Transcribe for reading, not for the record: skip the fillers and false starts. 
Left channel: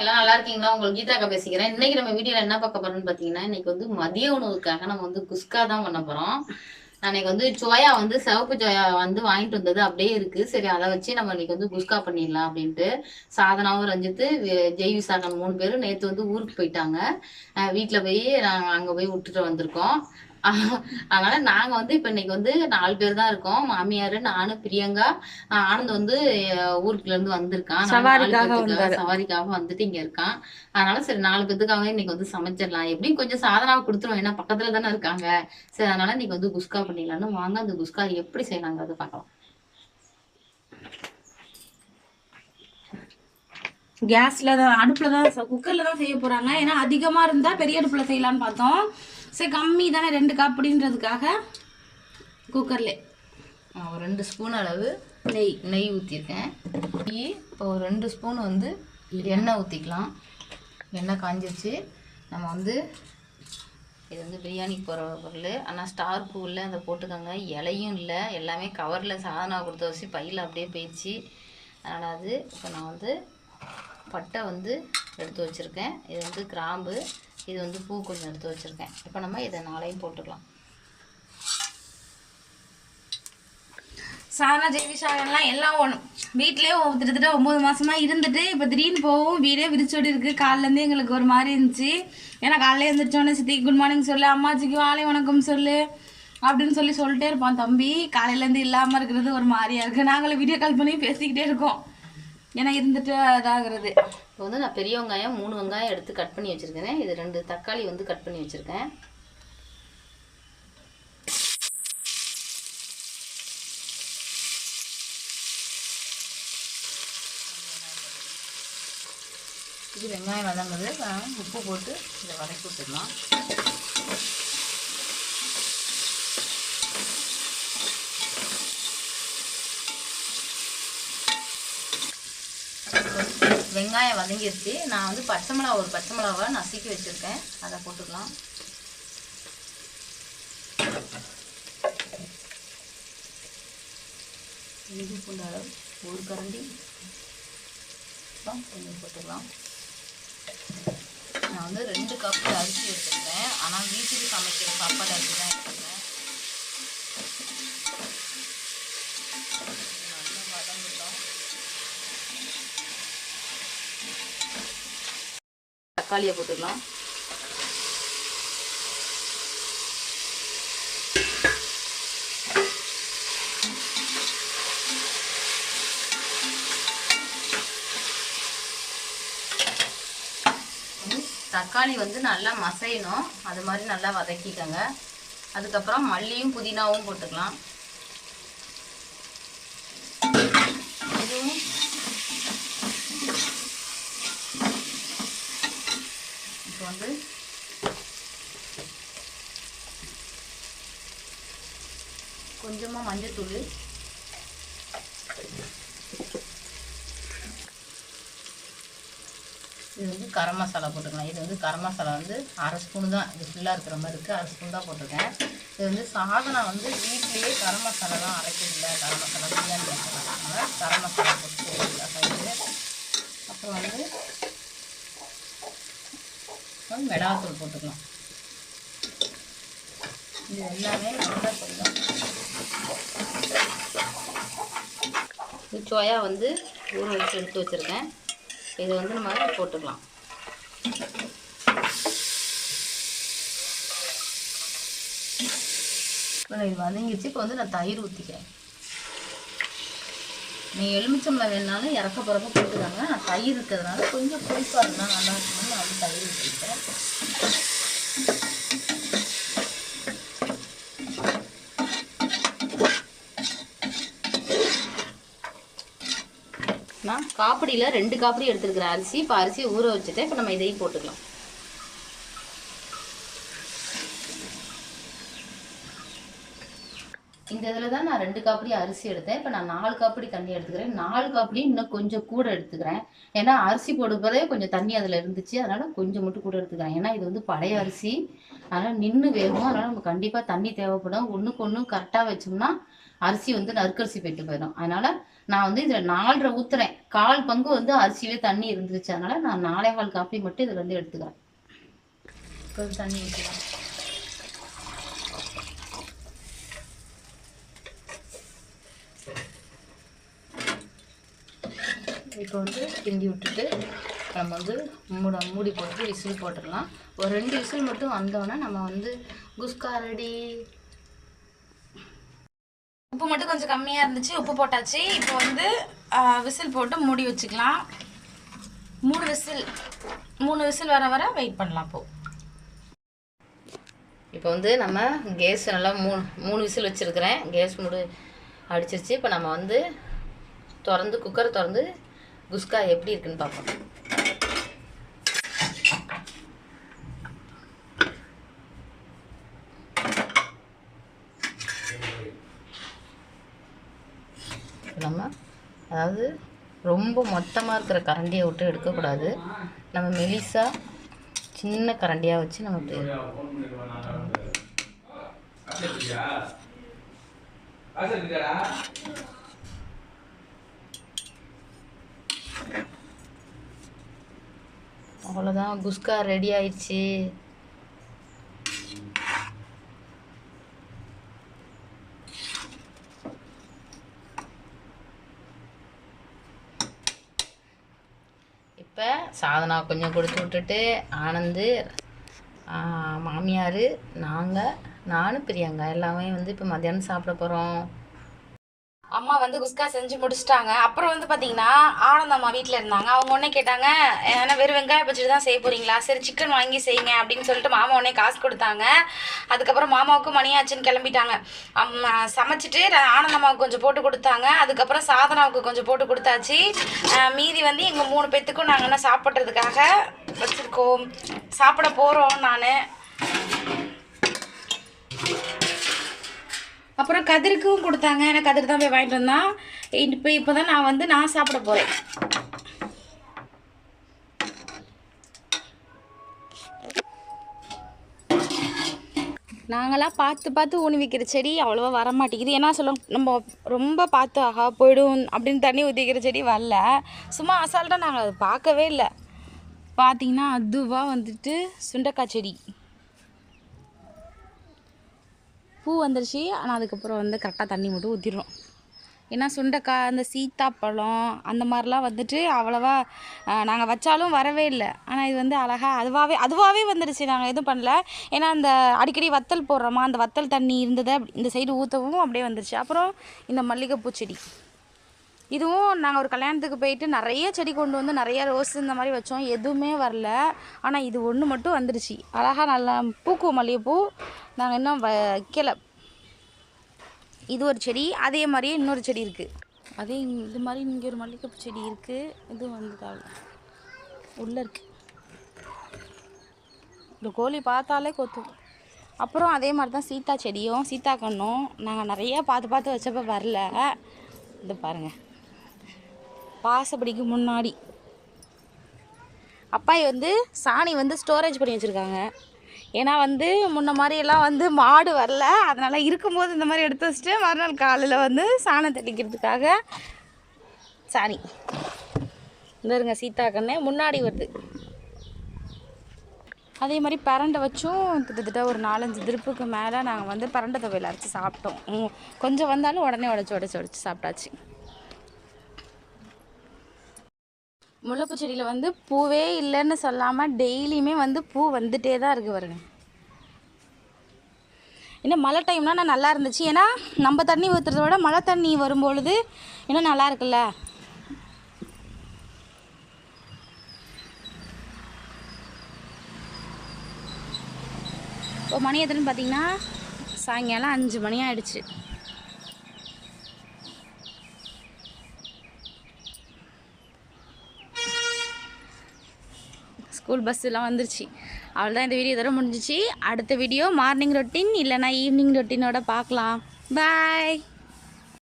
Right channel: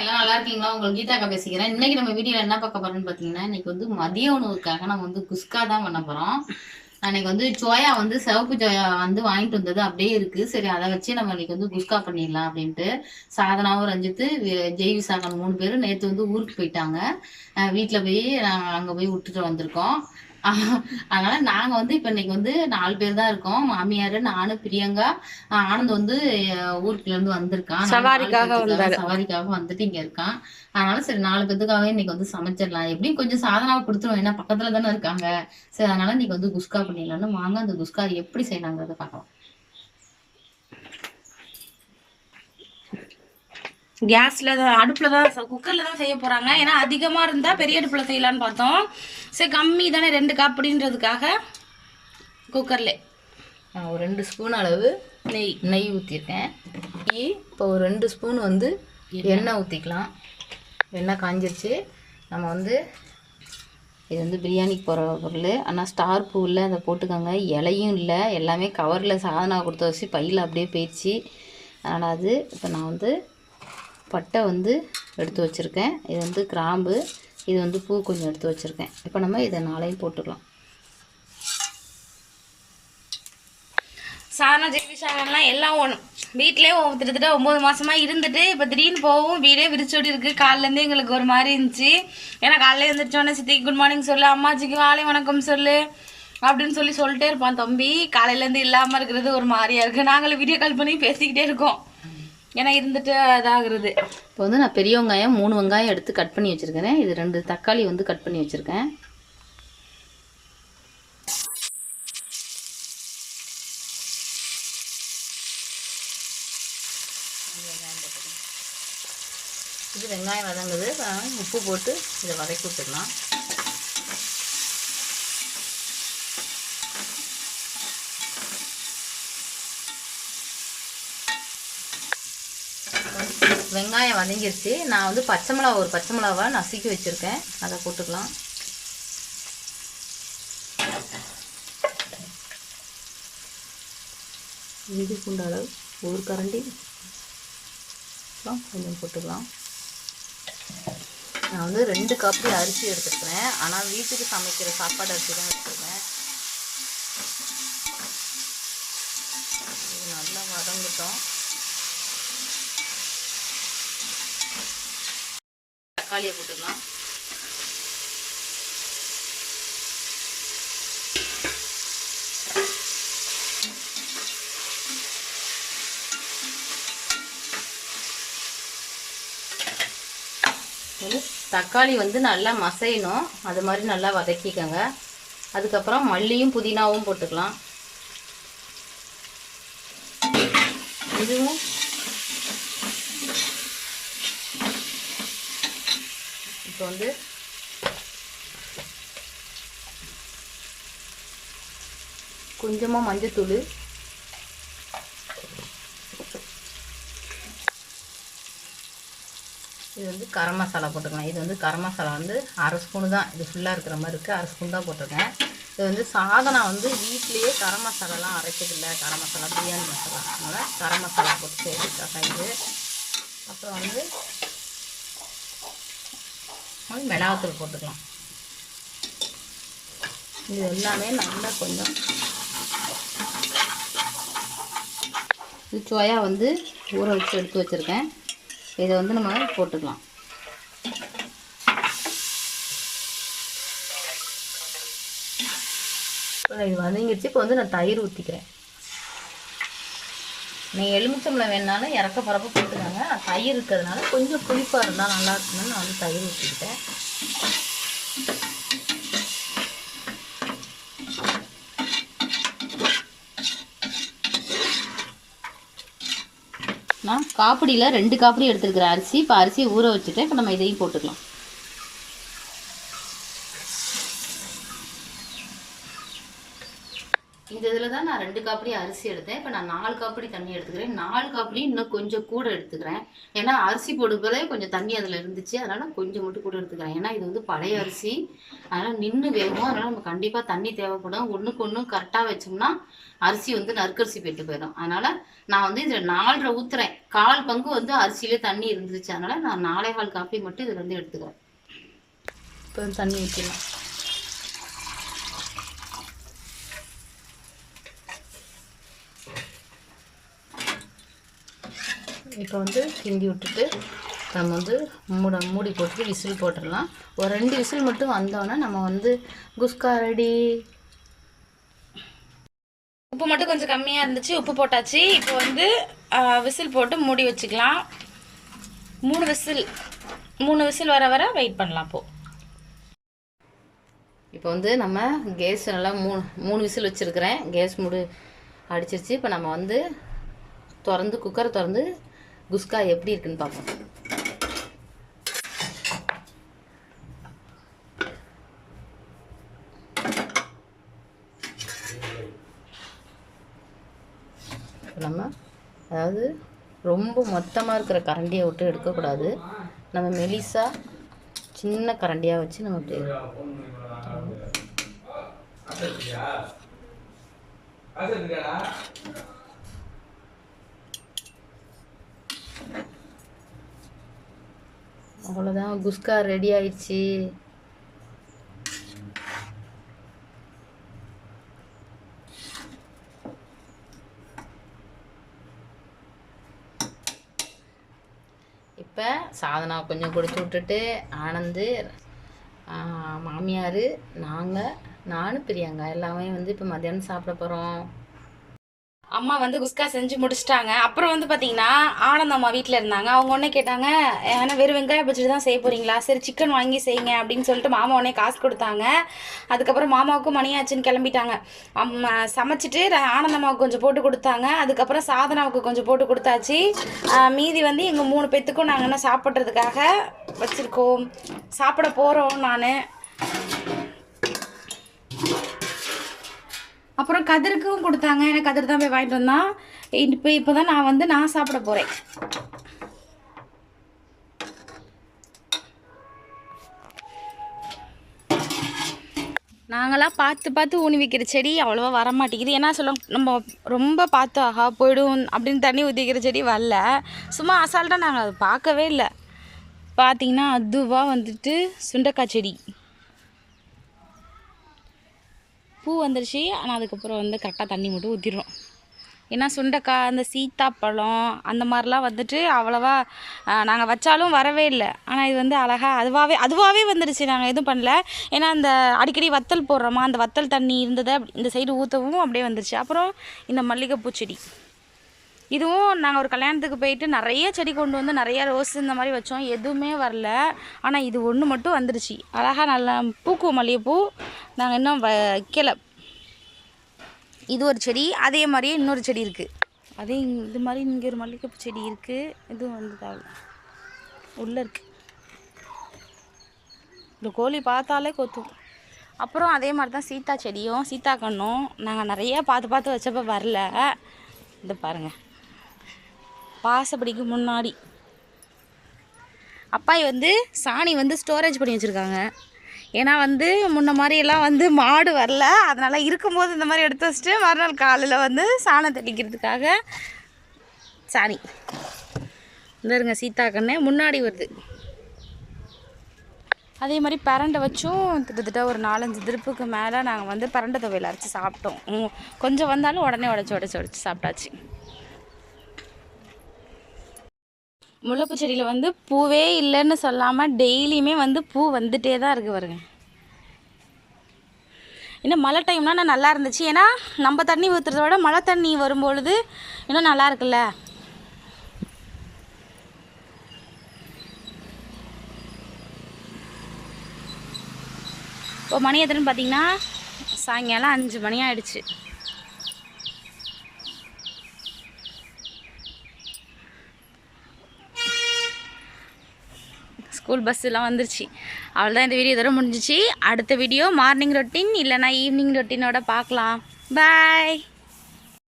எல்லாம் நல்லா இருக்கீங்களா? உங்களுக்கு கீதாக்கா பேசிக்கிறேன். இன்னைக்கு நம்ம வீடியோல என்ன பார்க்க போறோம்னு பாத்தீங்கன்னா, இன்னைக்கு வந்து மதிய உணவுக்காக நம்ம வந்து குஸ்கா தான் பண்ண போறோம். அன்னைக்கு வந்து சோயா வந்து சிவப்பு சோயா வந்து வாங்கிட்டு வந்தது அப்படியே இருக்கு. சரி அதை வச்சு நம்ம இன்னைக்கு வந்து குஸ்கா பண்ணிடலாம் அப்படின்ட்டு சாதனாவும் ரஞ்சித்து ஜெய் விசாகன் 3 பேரும் நேற்று வந்து ஊருக்கு போயிட்டாங்க. வீட்டில் போய் நாங்கள் அங்கே போய் விட்டுட்டு வந்திருக்கோம். அதனால நாங்க வந்து இப்ப இன்னைக்கு வந்து 4 பேர் தான் இருக்கோம். மாமியார், நானு, பிரியங்கா, ஆனந்த் வந்து ஊருக்குள்ள இருந்து வந்திருக்கான். சவாரிக்காக வந்துட்டு இங்க இருக்கான். அதனால சரி 4 பேத்துக்காக இன்னைக்கு வந்து சமைச்சிடலாம். எப்படியும் கொஞ்சம் சாதனாவை கொடுத்துருவோம். ஏன்னா பக்கத்துல தானே இருக்காங்க. சரி அதனால இன்னைக்கு வந்து குஸ்கா பண்ணிடலாம்னு வாங்க அந்த குஸ்கா எப்படி செய்யலாங்கிறத பார்க்கலாம். கேஸ்ல தான் அடுப்பில் தான் குக்கரில் தான் செய்ய போகிறாங்க. ஏன்னா அதிகமாக இருந்தால் பெரிய அடுப்பில் செய்யலான்னு பார்த்தோம். சரி கம்மி தானே 2 கப் அப்படின்றதுக்காக குக்கர்ல ஒரு 2 ஸ்பூன் அளவு நெய் ஊற்றிருக்கேன். இப்போ ஒரு 2 ஸ்பூன் வந்து எண்ணெய் ஊற்றிக்கலாம். எண்ணெய் காஞ்சிருச்சு. நம்ம வந்து இது வந்து பிரியாணிக்கு போகிற பொருள். ஆனால் ஸ்டார் பூ இல்லை, அதை போட்டுக்கோங்க. இலையும் இல்லை, எல்லாமே கவரில் சாதனா கொடுத்த வச்சு பையில் அப்படியே போயிடுச்சு. அதனால் அது இப்போ நான் வந்து பட்டை வந்து எடுத்து வச்சுருக்கேன். இது வந்து கிராம்பு, இது வந்து பூ கொஞ்சம் எடுத்து வச்சுருக்கேன். இப்போ நம்ம இதை 4ஐயும் போட்டுக்கலாம். சாதனா ஜெய்விசாகன்லாம் எல்லாம் வீட்டிலே கிட்டத்தட்ட 9 மாதமாக இருந்துட்டு இப்போ திடீர்னு போகவும் வீடே விரிச்சோடி இருக்குது. காலிலேருந்தே எங்களுக்கு ஒரு மாதிரி இருந்துச்சு. ஏன்னா காலையில் எழுந்திரிச்சோடனே சித்திக்கு குட் மார்னிங் சொல்லு, அம்மாச்சிக்கு வாழை வணக்கம் சொல்லு அப்படின்னு சொல்லிட்டே இருப்பான் தம்பி. காலையிலேருந்து இல்லாமல் இருக்கிறது ஒரு மாதிரியா இருக்குது. நாங்களும் வீடியோ கால் பண்ணி பேசிக்கிட்டே இருக்கோம். ஏன்னா இருந்துட்டு இதாகிறது. இப்போ வந்து நான் பெரிய வெங்காயம் 3 வெங்காயம் எடுத்து கட் பண்ணி வச்சுருக்கேன். இது 2 தக்காளி வந்து கட் பண்ணி வச்சுருக்கேன். இது வெங்காயம் வதங்குது. உப்பு போட்டு இதை வதக்கி விட்டுடலாம். வெங்காயம் வதங்கிருச்சு. நான் வந்து ஒரு பச்சை மிளகாவை நசுக்கி வச்சுருக்கேன், அதை போட்டுக்கலாம். இஞ்சி பூண்டு அளவு 1 கரண்டி கொஞ்சம் போட்டுக்கலாம். நான் வந்து 2 கப்பு அரிசி எடுத்துக்கிறேன். ஆனால் வீட்டுக்கு சமைக்கிற சாப்பாடு அரிசி தான் எடுத்துக்கிறேன். இது நல்லா வதங்கிட்டோம். தக்காளியை போட்டுக்கலாம். தக்காளி வந்து நல்லா மசையணும், அது மாதிரி நல்லா வதக்கிக்கோங்க. அதுக்கப்புறம் மல்லியும் புதினாவும் போட்டுக்கலாம். இதுவும் இப்போ வந்து கொஞ்சமாக மஞ்சத்தூள், இது வந்து கரம் மசாலா போட்டுக்கலாம். இது வந்து கரம் மசாலா வந்து 1/2 ஸ்பூனு தான், இது ஃபுல்லாக இருக்கிற மாதிரி இருக்குது. 1/2 ஸ்பூன் தான் போட்டிருக்கேன். இது வந்து சாதனா வந்து வீட்லேயே கரம் மசாலாலாம் அரைக்கிறதில்லை. கரம் மசாலா பிரியாணி மசாலா, அதனால் கரம் மசாலா போட்டு செய்யறதுக்காக இது. அப்புறம் வந்து மிளகாத்தூள் போட்டுக்கலாம். இது எல்லாமே நல்லா கொஞ்சம் இது சோயா வந்து ஊற வச்சு எடுத்து வச்சுருக்கேன். இதை வந்து நம்ம போட்டுக்கலாம். இது வதங்கிடுச்சு. இப்போ வந்து நான் தயிர் ஊற்றிக்கிறேன். நீங்கள் எலுமிச்சம்பழம் வேணாலும் இறக்க போகிறப்ப போட்டுக்காங்க. நான் தயிர் இருக்கிறதுனால கொஞ்சம் புளிப்பாக இருந்தால் நல்லா இருக்குன்னு நான் வந்து தயிர் ஊற்றிக்கிட்டேன். நான் காப்பிடியில் 2 காப்பிடி எடுத்துருக்கிறேன் அரிசி. இப்போ அரிசியை ஊற வச்சுட்டு இப்போ நம்ம இதையும் போட்டுக்கலாம். இந்த இதில் தான் நான் 2 காப்பிடி அரிசி எடுத்தேன். இப்போ நான் 4 காப்பிடி தண்ணி எடுத்துக்கிறேன். 4 காப்பிடி இன்னும் கொஞ்சம் கூட எடுத்துக்கிறேன். ஏன்னா அரிசி போடும்போதே கொஞ்சம் தண்ணி அதில் இருந்துச்சு, அதனால் கொஞ்சம் மட்டும் கூட எடுத்துக்கிறேன். ஏன்னா இது வந்து பழைய அரிசி, அதனால் நின்று வேகும். அதனால் நம்ம கண்டிப்பாக தண்ணி தேவைப்படும். ஒன்றுக்கு ஒன்று கரெக்டாக வச்சோம்னா அரிசி வந்து நறுக்கரிசி போயிட்டு போயிடும். அதனால் நான் வந்து இதில் 4.5 ஊற்றுறேன். 1/4 பங்கு வந்து அரிசியிலே தண்ணி இருந்துச்சு. அதனால் நான் 4.25 காப்பி மட்டும் இதில் வந்து எடுத்துக்கிறேன். இப்போ தண்ணி ஊற்றிக்கலாம். இப்போ வந்து கிண்டி விட்டுட்டு நம்ம வந்து மூடி போட்டு விசில் போட்டுடலாம். ஒரு 2 விசில் மட்டும் வந்தோடனே நம்ம வந்து குஸ்கா ரெடி. உப்பு மட்டும் கொஞ்சம் கம்மியாக இருந்துச்சு, உப்பு போட்டாச்சு. இப்போ வந்து விசில் போட்டு மூடி வச்சுக்கலாம். 3 விசில் வர வர வெயிட் பண்ணலாம். இப்போ வந்து நம்ம கேஸ் நல்லா 3 விசில் வச்சுருக்கிறேன். கேஸ் மூடு அடிச்சிருச்சு. இப்போ நம்ம வந்து குக்கரை திறந்து குஸ்கா எப்படி இருக்குன்னு பார்ப்போம். நம்ம அதாவது ரொம்ப மொத்தமாக இருக்கிற கரண்டியை விட்டு எடுக்கக்கூடாது. நம்ம மெலிசா சின்ன கரண்டியாக வச்சு நம்ம இப்படி அவ்வளோதான், குஸ்கா ரெடி ஆயிடுச்சு. இப்போ சாதனா கொஞ்சம் கொடுத்து விட்டுட்டு ஆனந்து, மாமியார், நான் பிரியங்கா எல்லாமே வந்து இப்போ மத்தியானம் சாப்பிட போகிறோம். அம்மா வந்து குஸ்கா செஞ்சு முடிச்சிட்டாங்க. அப்புறம் வந்து பார்த்தீங்கன்னா ஆனந்தம்மா வீட்டில் இருந்தாங்க. அவங்க உடனே கேட்டாங்க, ஏன்னா வெறும் வெங்காயம் பச்சடி தான் செய்ய போகிறீங்களா, சரி சிக்கன் வாங்கி செய்யுங்க அப்படின்னு சொல்லிட்டு மாமா உடனே காசு கொடுத்தாங்க. அதுக்கப்புறம் மாமாவுக்கும் மணியாச்சுன்னு கிளம்பிட்டாங்க. சமைச்சிட்டு ஆனந்தம்மாவுக்கு கொஞ்சம் போட்டு கொடுத்தாங்க. அதுக்கப்புறம் சாதனாவுக்கு கொஞ்சம் போட்டு கொடுத்தாச்சு. மீதி வந்து எங்கள் 3 பேத்துக்கும் நாங்கள் என்ன சாப்பிட்றதுக்காக வச்சுருக்கோம், சாப்பிட போகிறோம். நான் அப்புறம் கதிருக்கும் கொடுத்தாங்க. எனக்கு கதிர் தான் போய் வாங்கிட்டு வந்தான். இப்போ தான் நான் சாப்பிட போகிறேன். நாங்களாம் பார்த்து ஊனி வைக்கிற செடி அவ்வளோவா வர மாட்டேங்குது. ஏன்னா நம்ம ரொம்ப பார்த்து ஆகா போய்டும் அப்படின்னு தண்ணி ஊற்றி வைக்கிற செடி வரல. சும்மா அசால்ட்டாக நாங்கள் அதை பார்க்கவே இல்லை. பார்த்திங்கன்னா அதுவாக வந்துட்டு சுண்டைக்காய் செடி பூ வந்துருச்சு. ஆனால் அதுக்கப்புறம் வந்து கரெக்டாக தண்ணி மட்டும் ஊற்றிடுறோம். ஏன்னா சுண்டைக்காய், அந்த சீத்தாப்பழம் அந்த மாதிரிலாம் வந்துட்டு அவ்வளோவா நாங்கள் வச்சாலும் வரவே இல்லை. ஆனால் இது வந்து அழகாக அதுவாகவே வந்துடுச்சு. நாங்கள் எதுவும் பண்ணல. ஏன்னா அந்த அடிக்கடி வத்தல் போடுறோமா, அந்த வத்தல் தண்ணி இருந்ததை இந்த சைடு ஊற்றவும் அப்படியே வந்துடுச்சு. அப்புறம் இந்த மல்லிகைப்பூ செடி, இதுவும் நாங்கள் ஒரு கல்யாணத்துக்கு போயிட்டு நிறைய செடி கொண்டு வந்து நிறைய ரோஸ் இந்த மாதிரி வச்சோம், எதுவுமே வரல. ஆனால் இது ஒன்று மட்டும் வந்துடுச்சு. அழகாக நல்லா பூக்கும் மல்லிகைப்பூ. நாங்கள் இன்னும் வைக்கலை. இது ஒரு செடி, அதே மாதிரியே இன்னொரு செடி இருக்குது. அதே இது மாதிரி இங்கே ஒரு மல்லிகைப்பூ செடி இருக்குது. இதுவும் வந்து அவ்வளோ உள்ளே இருக்குது. இந்த கோழி பார்த்தாலே கொத்தும். அப்புறம் அதே மாதிரி தான் சீத்தா செடியும் சீத்தா கண்ணும் நாங்கள் நிறைய பார்த்து வச்சப்போ வரல. இது பாருங்கள், பாசப்படிக்கு முன்னாடி அப்பாய் வந்து சாணி வந்து ஸ்டோரேஜ் பண்ணி வச்சுருக்காங்க. ஏன்னா வந்து முன்ன மாதிரியெல்லாம் வந்து மாடு வரல, அதனால் இருக்கும்போது இந்த மாதிரி எடுத்து வச்சுட்டு மறுநாள் காலையில் வந்து சாணம் தெளிக்கிறதுக்காக சாணி. இந்த இருங்க சீத்தா கண்ணு முன்னாடி வருது. அதே மாதிரி பரண்டை வச்சும் கிட்டத்தட்ட ஒரு 4-5 திருப்புக்கு மேலே நாங்கள் வந்து பரண்டை துவையல் அரைச்சி சாப்பிட்டோம். கொஞ்சம் வந்தாலும் உடனே உடச்சி சாப்பிட்டாச்சு. முல்லைப்பூ செடியில் வந்து பூவே இல்லைன்னு சொல்லாமல் டெய்லியுமே வந்து பூ வந்துட்டே தான் இருக்குது பாருங்க. இன்னும் மழை டைம்னால் நான் நல்லா இருந்துச்சு. ஏன்னா நம்ம தண்ணி ஊற்றுறத விட மழை தண்ணி வரும்பொழுது இன்னும் நல்லா இருக்குல்ல. இப்போ மணி எத்தனைன்னு பார்த்தீங்கன்னா சாயங்காலம் 5 மணி ஆகிடுச்சு. ஸ்கூல் பஸ்ஸெல்லாம் வந்துருச்சு. அவ்வளோதான், இந்த வீடியோ இதோட முடிஞ்சிச்சு. அடுத்த வீடியோ மார்னிங் ரொட்டீன் இல்லைனா ஈவினிங் ரொட்டீனோட பார்க்கலாம். பாய்.